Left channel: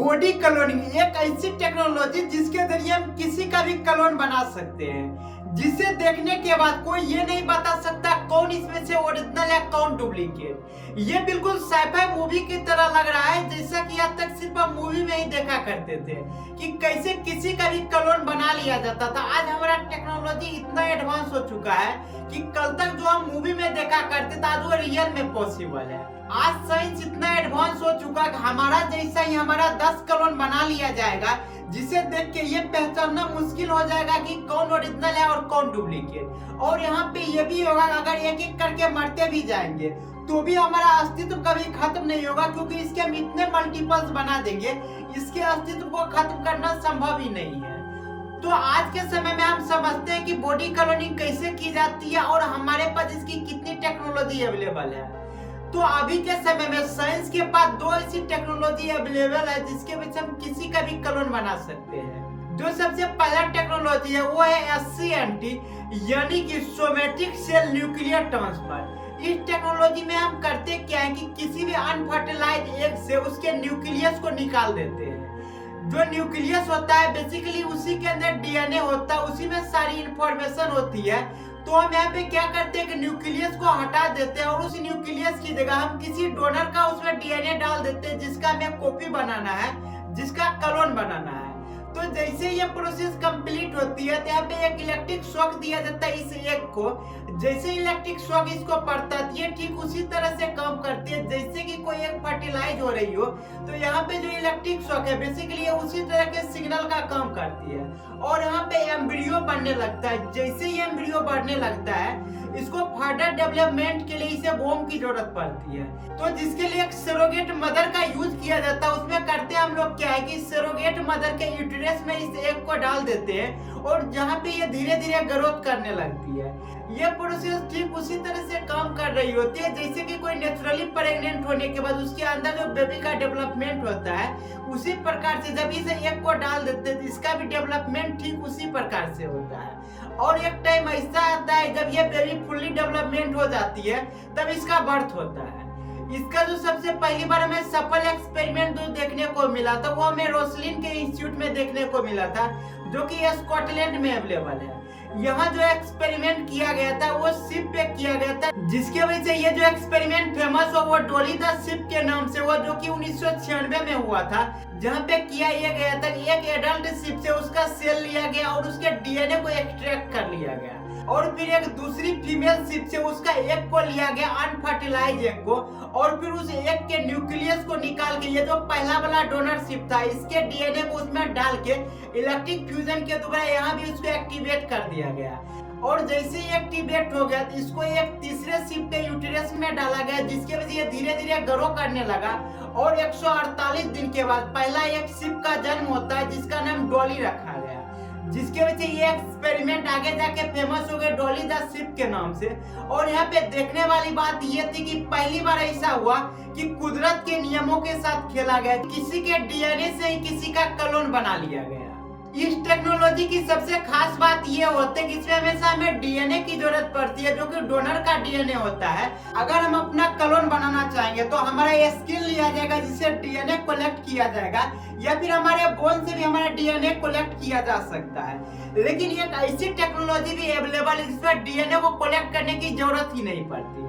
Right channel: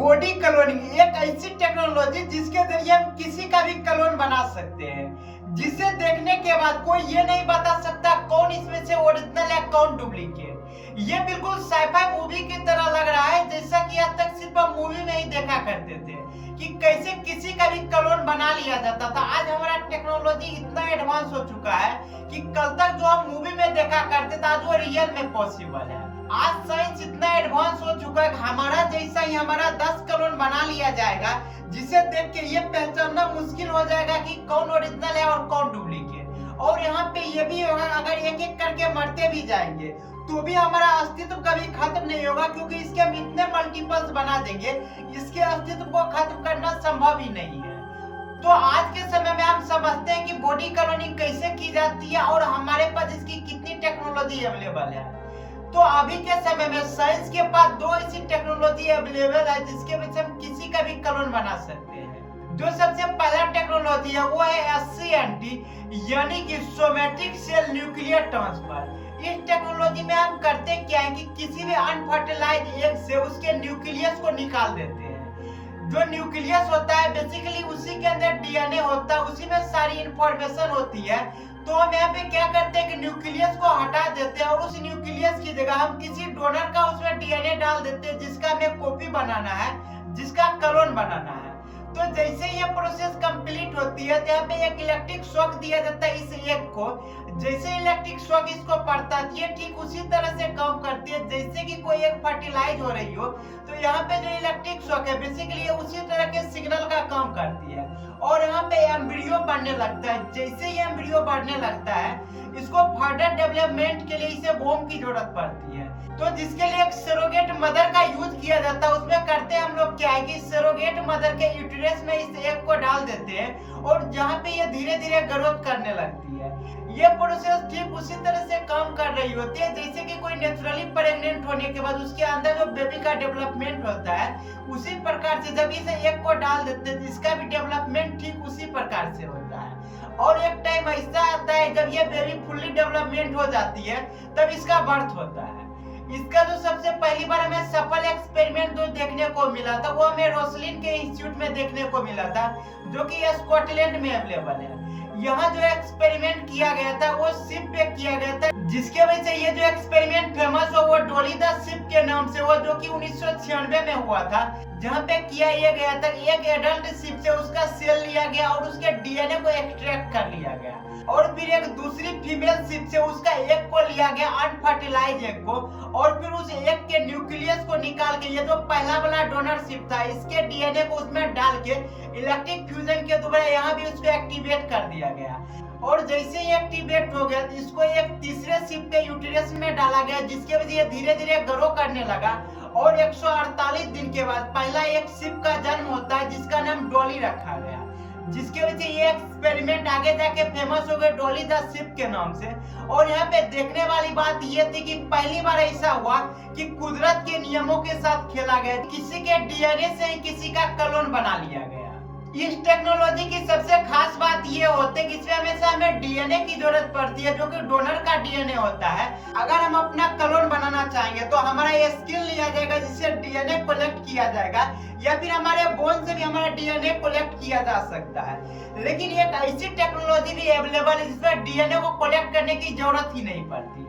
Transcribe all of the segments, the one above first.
Body cloning एक ऐसी technology जिसके जरिए हम किसी का भी क्लोन बना सकते हैं, जिसे देखने के बाद कोई ये नहीं बता सकता कौन इसमें से ओरिजिनल है कौन डुप्लीकेट। ये बिल्कुल साइफाई मूवी की तरह लग रहा है, जैसा कि आज तक सिर्फ हम मूवी में ही देखा करते थे कि कैसे किसी का भी क्लोन बना लिया जाता था। आज हमारा टेक्नोलॉजी इतना एडवांस हो चुका है कि कल तक जो हम मूवी में देखा करते थे आज वो रियल में पॉसिबल है। आज साइंस इतना एडवांस हो चुका है कि हमारा जैसा ही हमारा 10 क्लोन बना लिया जाएगा, जिसे देख के ये पहचानना मुश्किल हो जाएगा कि कौन ओरिजिनल है और कौन डुप्लीकेट। और यहाँ पे ये भी होगा, अगर एक एक करके मरते भी जाएंगे तो भी हमारा अस्तित्व कभी खत्म नहीं होगा, क्योंकि इसके हम इतने मल्टीपल्स बना देंगे, इसके अस्तित्व को खत्म करना संभव ही नहीं है। तो आज के समय में हम समझते हैं कि बॉडी क्लोनिंग कैसे की जाती है और हमारे पास इसकी कितनी टेक्नोलॉजी अवेलेबल है। तो अभी के समय में साइंस के पास दो ऐसी टेक्नोलॉजी अवेलेबल है जिसके वजह से हम किसी का भी क्लोन बना सकते हैं। जो सबसे पहला टेक्नोलॉजी है वो है SCNT, यानी कि सोमेटिक सेल न्यूक्लियर ट्रांसफर। इस टेक्नोलॉजी में हम करते क्या है कि किसी भी अनफर्टिलाइज एग से उसके न्यूक्लियस को निकाल देते हैं। जो न्यूक्लियस होता है बेसिकली उसी के अंदर DNA होता है, उसी में सारी इंफॉर्मेशन होती है। तो हम यहाँ पे क्या करते हैं कि न्यूक्लियस को हटा देते हैं और उस न्यूक्लियस की जगह हम किसी डोनर का उसमें DNA डाल देते हैं, जिसका हमें कॉपी बनाना है, जिसका क्लोन बनाना है। तो जैसे ये प्रोसेस कंप्लीट होती है तो यहाँ पे एक इलेक्ट्रिक शॉक दिया जाता है इस एग को। जैसे इलेक्ट्रिक शॉक इसको पड़ता है ये ठीक उसी तरह से काम करती है जैसे कि कोई एक फर्टिलाइज हो रही हो। तो यहाँ पे जो इलेक्ट्रिक शॉक है बेसिकली ये उसी तरह के सिग्नल का काम करती है और यहाँ पे एम्ब्रियो बढ़ने लगता है। जैसे ये एम्ब्रियो बढ़ने लगता है इसको फर्दर डेवलपमेंट के लिए इसे वोम की जरूरत पड़ती है। तो जिसके लिए एक सरोगेट मदर का यूज किया जाता है। उसमें करते हम लोग क्या है कि सरोगेट मदर के यूटेरस में इस एग को डाल देते हैं और जहाँ पे ये धीरे धीरे ग्रोथ करने लगती है। ये प्रोसेस ठीक उसी तरह से काम कर रही होती है जैसे कि कोई नेचुरली प्रेग्नेंट होने के बाद उसके अंदर जो बेबी का डेवलपमेंट होता है उसी प्रकार से जब इस एग को डाल देते हैं इसका भी डेवलपमेंट ठीक उसी प्रकार से होता है। और एक टाइम ऐसा आता है जब ये बेबी फुल्ली डेवलपमेंट हो जाती है तब इसका बर्थ होता है। इसका जो सबसे पहली बार हमें सफल एक्सपेरिमेंट जो देखने को मिला था वो हमें रोसलिन के इंस्टीट्यूट में देखने को मिला था, जो कि स्कॉटलैंड में अवेलेबल है। यहाँ जो एक्सपेरिमेंट किया गया था वो शिप पे किया गया था, जिसके वजह से ये जो एक्सपेरिमेंट फेमस हो वो डॉली द शिप के नाम से हुआ, जो कि 1996 में हुआ था। जहाँ पे किया ये गया था एक एडल्ट शिप से उसका सेल लिया गया और उसके DNA को एक्सट्रैक्ट कर लिया गया और फिर एक दूसरी फीमेल शिप से उसका एग को लिया गया अनफर्टिलाइज एग को और फिर उस एग के न्यूक्लियस को निकाल के ये जो पहला वाला डोनर शिप था इसके DNA को उसमें डाल के इलेक्ट्रिक फ्यूजन के द्वारा यहाँ भी उसको एक्टिवेट कर दिया गया। और जैसे ही एक्टिवेट हो गया तो इसको एक तीसरे शिप के यूटेरस में डाला गया, जिसके वजह ये धीरे धीरे ग्रो करने लगा और 148 दिन के बाद पहला एक शिप का जन्म होता है जिसका नाम डॉली रखा गया, जिसके वजह से ये एक्सपेरिमेंट आगे जाके फेमस हो गए डॉली द शिप के नाम से। और यहाँ पे देखने वाली बात ये थी कि पहली बार ऐसा हुआ कि कुदरत के नियमों के साथ खेला गया, किसी के DNA से ही किसी का क्लोन बना लिया गया। इस टेक्नोलॉजी की सबसे खास बात ये होती है कि इसमें हमेशा हमें DNA की जरूरत पड़ती है, जो कि डोनर का DNA होता है। अगर हम अपना क्लोन बनाना चाहेंगे तो हमारा ये स्किल लिया जाएगा जिससे DNA कलेक्ट किया जाएगा, या फिर हमारे बोन से भी हमारा DNA कलेक्ट किया जा सकता है। लेकिन एक ऐसी टेक्नोलॉजी भी अवेलेबल है जिसमें DNA को कलेक्ट करने की जरूरत ही नहीं पड़ती,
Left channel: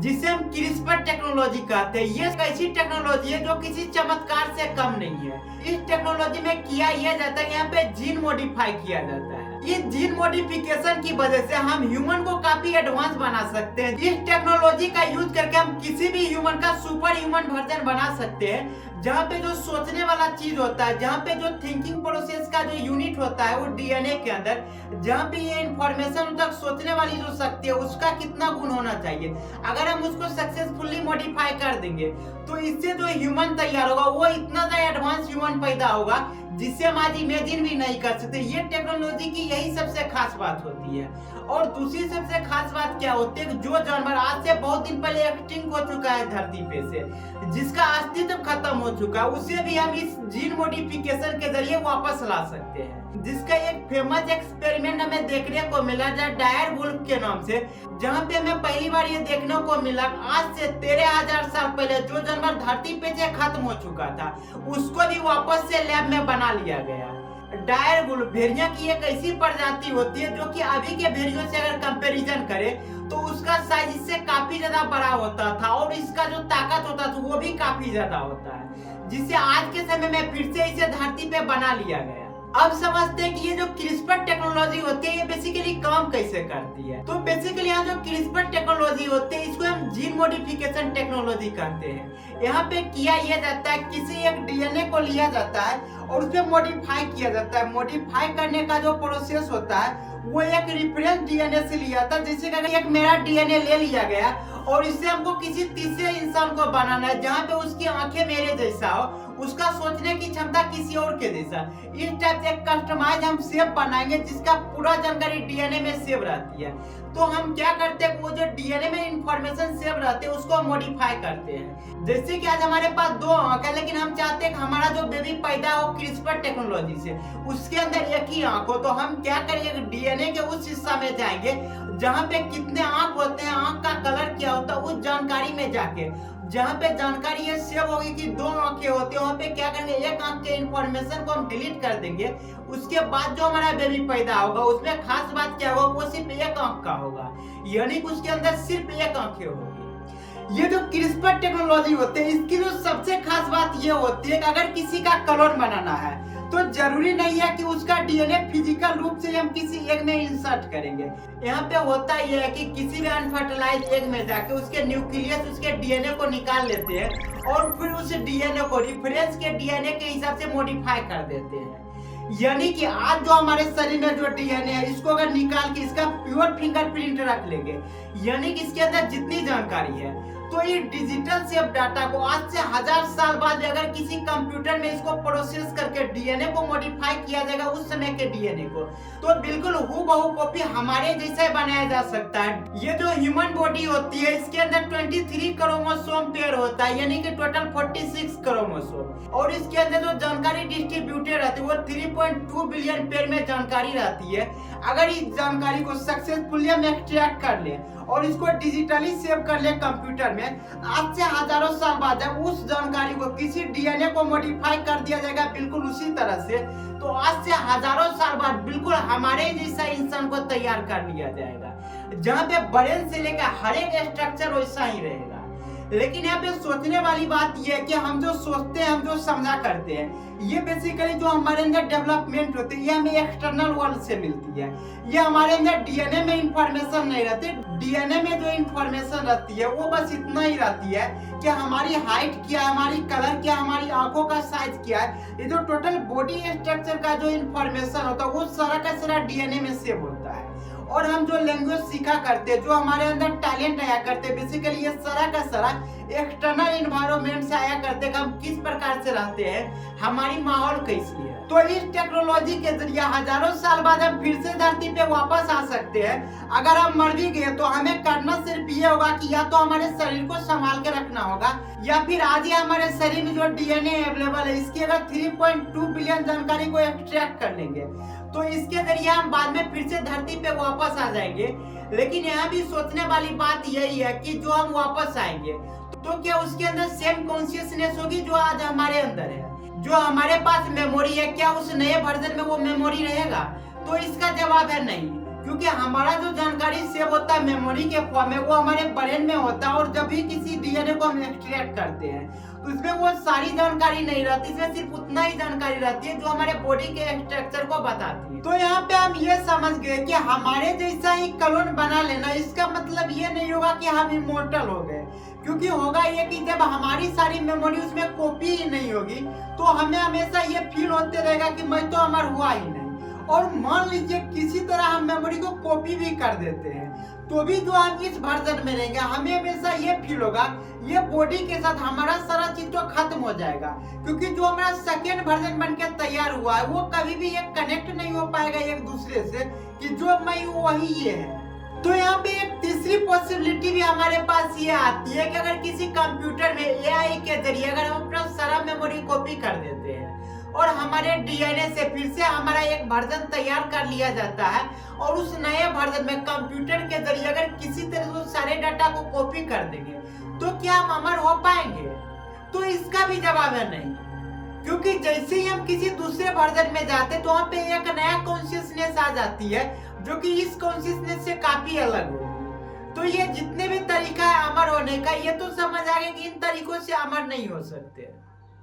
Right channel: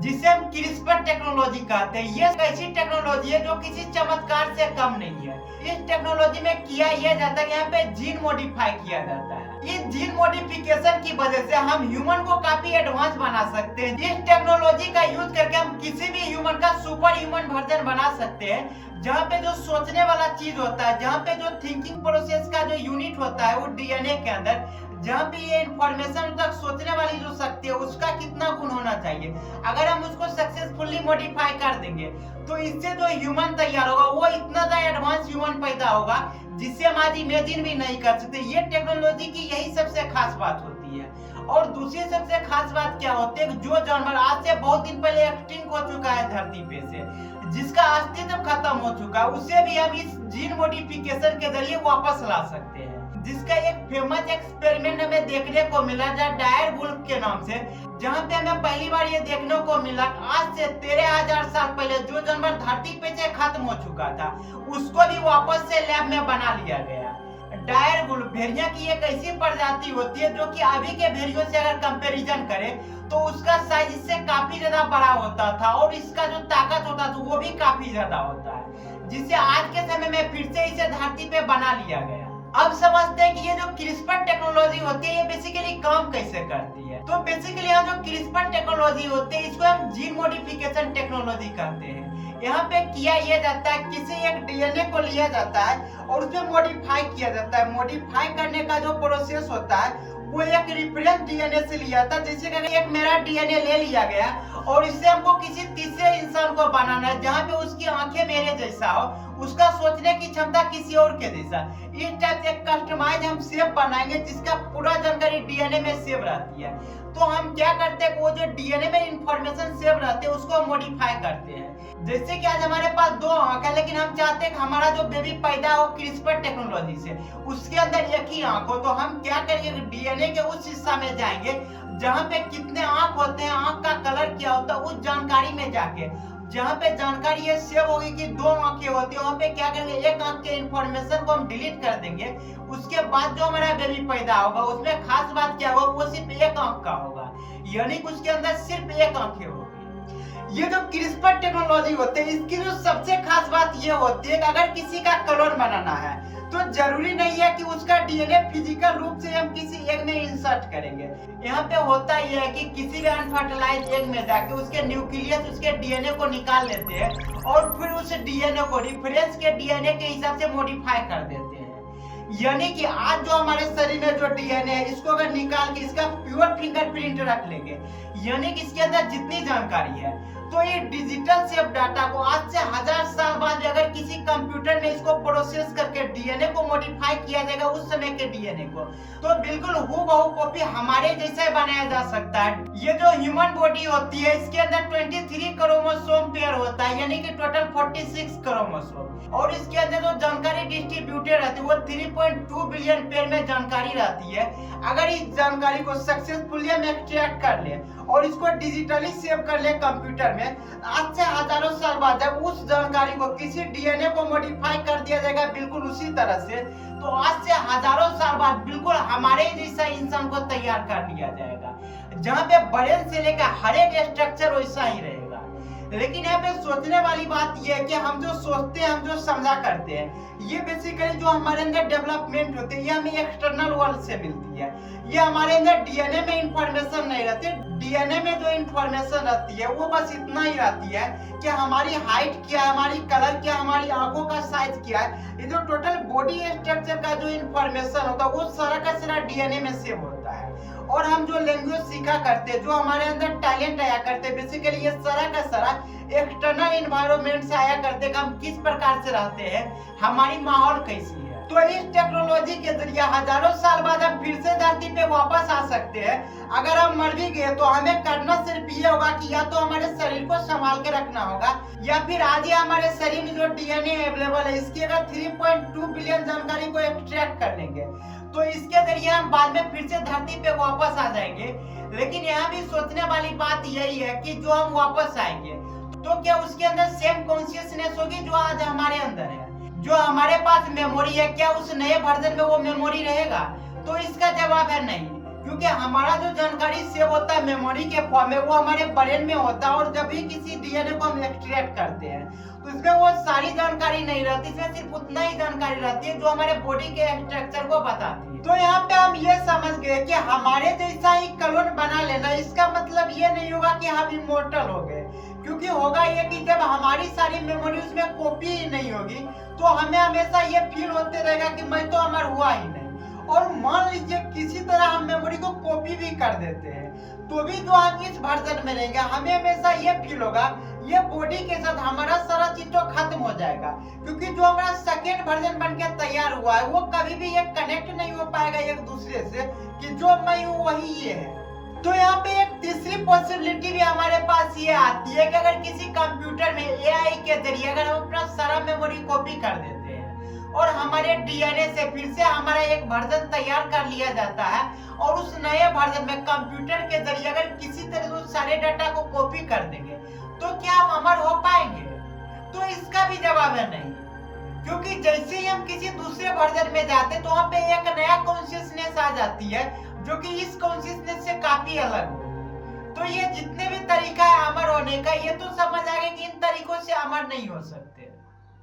जिसे हम क्रिस्पर टेक्नोलॉजी कहते हैं। ये ऐसी टेक्नोलॉजी है जो किसी चमत्कार से कम नहीं है। इस टेक्नोलॉजी में किया यह जाता है यहाँ पे जीन मॉडिफाई किया जाता है। इस जीन मॉडिफिकेशन की वजह से हम ह्यूमन को काफी एडवांस बना सकते हैं। इस टेक्नोलॉजी का यूज करके हम किसी भी ह्यूमन का सुपर ह्यूमन वर्जन बना सकते हैं, जहाँ पे जो सोचने वाला चीज होता है, जहाँ पे जो थिंकिंग प्रोसेस का जो यूनिट होता है वो DNA के अंदर, जहाँ पे ये इंफॉर्मेशन तक सोचने वाली जो शक्ति है उसका कितना गुण होना चाहिए, अगर हम उसको सक्सेसफुली मॉडिफाई कर देंगे तो इससे जो ह्यूमन तैयार होगा वो इतना ज्यादा एडवांस ह्यूमन पैदा होगा जिससे हम आज इमेजिन भी नहीं कर सकते। ये टेक्नोलॉजी की यही सबसे खास बात होती है। और दूसरी सबसे खास बात क्या होती है, जो जानवर आज से बहुत दिन पहले एक्सटिंक्ट हो चुका है धरती पे से, जिसका अस्तित्व खत्म हो चुका है, उसे भी हम इस जीन मॉडिफिकेशन के जरिए वापस ला सकते हैं। जिसका एक फेमस एक्सपेरिमेंट हमें देखने को मिला डायर वुल्फ के नाम से, जहाँ पे हमें पहली बार ये देखने को मिला आज से 13,000 साल पहले जो जानवर धरती पे से खत्म हो चुका था, उसको भी वापस से लैब में बना लिया गया। डायर वुल्फ भेड़िया की एक ऐसी प्रजाति होती है जो कि अभी के भेड़ियों से अगर कंपैरिजन करें तो उसका साइज इससे काफी ज्यादा बड़ा होता था और इसका जो ताकत होता था वो भी काफी ज्यादा होता है, जिससे आज के समय में फिर से इसे धरती पे बना लिया गया। अब समझते हैं कि ये जो क्रिस्पर टेक्नोलॉजी होती है ये बेसिकली काम कैसे करती है। तो बेसिकली यहाँ जो क्रिस्पर टेक्नोलॉजी होती है इसको हम जीन मॉडिफिकेशन टेक्नोलॉजी कहते हैं। यहाँ पे किया यह जाता है, किसी एक डीएनए को लिया जाता है और उसमें मॉडिफाई किया जाता है। मॉडिफाई करने का जो प्रोसेस होता है वो एक रेफरेंस डीएनए से लिया था। जैसे कि एक मेरा डीएनए ले लिया गया और इससे हमको किसी तीसरे इंसान को बनाना है जहाँ पे उसकी आंखें मेरे जैसा हो, उसका सोचने की क्षमता किसी और के जैसा। इस टाइप से कस्टमाइज हम शेप बनाएंगे जिसका पूरा जानकारी डीएनए में सेव रहती है। तो हम क्या करते हैं, वो जो डीएनए में इंफॉर्मेशन सेव रहते हैं उसको मॉडिफाई करते हैं। जैसे कि आज हमारे पास 2 आंख है, लेकिन हम चाहते हैं कि हमारा जो बेबी पैदा हो क्रिस्पर टेक्नोलॉजी से, उसके अंदर एक ही आंख हो। तो हम क्या करेंगे, डीएनए के उस हिस्सा में जाएंगे जहाँ पे कितने आंख होते हैं, आंख का कलर क्या होता है, उस जानकारी में जाके जहाँ पे जानकारी ये सेव होगी कि 2 आंखें होती है, वहाँ पे क्या करेंगे, एक आंख के इंफॉर्मेशन को हम डिलीट कर देंगे। उसके बाद जो हमारा बेबी पैदा होगा उसमें खास बात क्या होगा, वो सिर्फ एक आंख का होगा, यानी कि उसके अंदर सिर्फ एक आंखें होगी। ये जो क्रिस्पर टेक्नोलॉजी होती है इसकी जो सबसे खास बात ये होती है कि अगर किसी का क्लोन बनाना है तो जरूरी नहीं है कि उसका डीएनए फिजिकल रूप से हम किसी एग में इंसर्ट करेंगे। यहाँ पे होता यह है कि किसी भी अनफर्टिलाइज एग में जाके उसके न्यूक्लियस, उसके डीएनए को निकाल लेते हैं और फिर उस डीएनए को रेफरेंस के डीएनए के हिसाब से मॉडिफाई कर देते हैं। यानी कि आज जो हमारे शरीर में जो डीएनए है इसको अगर निकाल के इसका प्योर फिंगरप्रिंट रख लेंगे, यानी कि इसके अंदर जितनी जानकारी है, तो ये डिजिटल सेव डाटा को आज से 1000 साल बाद अगर किसी कंप्यूटर में इसको प्रोसेस करके डीएनए को मॉडिफाई किया जाएगा उस समय के डीएनए को, तो बिल्कुल हूबहू कॉपी हमारे जैसा बनाया जा सकता है। ये जो ह्यूमन बॉडी होती है इसके अंदर 23 क्रोमोसोम पेयर होता है, यानी कि टोटल 46 क्रोमोसोम, और इसके अंदर जो जानकारी डिस्ट्रीब्यूटेड रहती है वो 3.2 बिलियन पेयर में जानकारी रहती है। अगर इस जानकारी को सक्सेसफुली हम एक्सट्रैक्ट कर ले और इसको डिजिटली सेव कर ले कंप्यूटर में, आज से हजारों साल बाद जब उस जानकारी को किसी डीएनए को मॉडिफाई कर दिया जाएगा बिल्कुल उसी तरह से, तो आज से हजारों साल बाद बिल्कुल हमारे जैसा इंसान को तैयार कर लिया जाएगा, जहाँ पे ब्रेन से लेकर हर एक स्ट्रक्चर वैसा ही रहेगा। लेकिन यहाँ पे सोचने वाली बात यह है कि हम जो सोचते हैं, हम जो समझा करते हैं, ये बेसिकली जो हमारे अंदर डेवलपमेंट होती है ये हमें एक्सटर्नल वर्ल्ड से मिलती है। ये हमारे अंदर डीएनए में इंफॉर्मेशन नहीं रहती। डीएनए में जो इंफॉर्मेशन रहती है वो बस इतना ही रहती है कि हमारी हाइट क्या है, हमारी कलर क्या, हमारी आंखों का साइज क्या है। ये जो टोटल बॉडी स्ट्रक्चर का जो इंफॉर्मेशन होता है वो सारा का सारा डीएनए में सेव होता है। और हम जो लैंग्वेज सीखा करते, जो हमारे अंदर टैलेंट आया करते, बेसिकली ये सारा का सारा एक्सटर्नल एनवायरनमेंट से आया करते कि हम किस प्रकार से रहते हैं, हमारी माहौल कैसी है। तो इस टेक्नोलॉजी के जरिए हजारों साल बाद हम फिर से धरती पे वापस आ सकते हैं। अगर हम मर भी गए तो हमें करना सिर्फ ये होगा कि या तो हमारे शरीर को संभाल के रखना होगा, या फिर आज ही हमारे शरीर में जो डीएनए अवेलेबल है इसकी अगर 3.2 बिलियन जानकारी को एक्सट्रैक्ट कर लेंगे तो इसके जरिए हम बाद में फिर से धरती पे वापस आ जाएंगे। लेकिन यहाँ भी सोचने वाली बात यही है कि जो हम वापस आएंगे तो क्या उसके अंदर सेम कॉन्शियसनेस होगी जो आज हमारे अंदर है? जो हमारे पास मेमोरी है, क्या उस नए वर्जन में वो मेमोरी रहेगा? तो इसका जवाब है नहीं, क्योंकि हमारा जो जानकारी सेव होता है मेमोरी के फॉर्म में वो हमारे ब्रेन में होता है, और जब भी किसी डीएनए को हम एक्सट्रैक्ट करते हैं तो इसमें वो सारी जानकारी नहीं रहती, इसमें सिर्फ उतना ही जानकारी रहती है जो हमारे बॉडी के स्ट्रक्चर को बताती है। तो यहाँ पे हम ये समझ गए कि हमारे जैसा ही क्लोन बना लेना इसका मतलब ये नहीं होगा कि हम इमोर्टल हो गए, क्योंकि होगा ये कि जब हमारी सारी मेमोरी उसमें कॉपी ही नहीं होगी तो हमें हमेशा ये फील होते रहेगा कि मैं तो अमर हुआ ही नहीं। और मान लीजिए किसी तरह हम मेमोरी को कॉपी भी कर देते हैं, तो भी जो हम इस वर्जन में रहेंगे हमें हमेशा ये फील होगा ये बॉडी के साथ हमारा सारा चीज तो खत्म हो जाएगा, क्योंकि जो हमारा सेकेंड वर्जन बन के तैयार हुआ है वो कभी भी एक कनेक्ट नहीं हो पाएगा एक दूसरे से कि जो मैं हूँ वही ये है। तो यहाँ पे एक तीसरी पॉसिबिलिटी भी हमारे पास ये आती है कि अगर किसी कंप्यूटर में एआई के जरिए अगर हम अपना सारा मेमोरी कॉपी कर देते हैं और हमारे डीएनए से फिर से हमारा एक वर्जन तैयार कर लिया जाता है और उस नए वर्जन में कंप्यूटर के जरिए अगर किसी तरह से उस सारे डाटा को कॉपी कर देंगे तो क्या हम अमर हो पाएंगे? तो इसका भी जवाब है नहीं, क्योंकि जैसे ही हम किसी दूसरे वर्जन में जाते तो वहाँ पे एक नया कॉन्शियसनेस आ जाती है जो कि इस कॉन्शियसनेस से काफी अलग होगी। तो ये जितने भी तरीका है अमर होने का, ये तो समझ आ गया कि इन तरीकों से अमर नहीं हो सकते।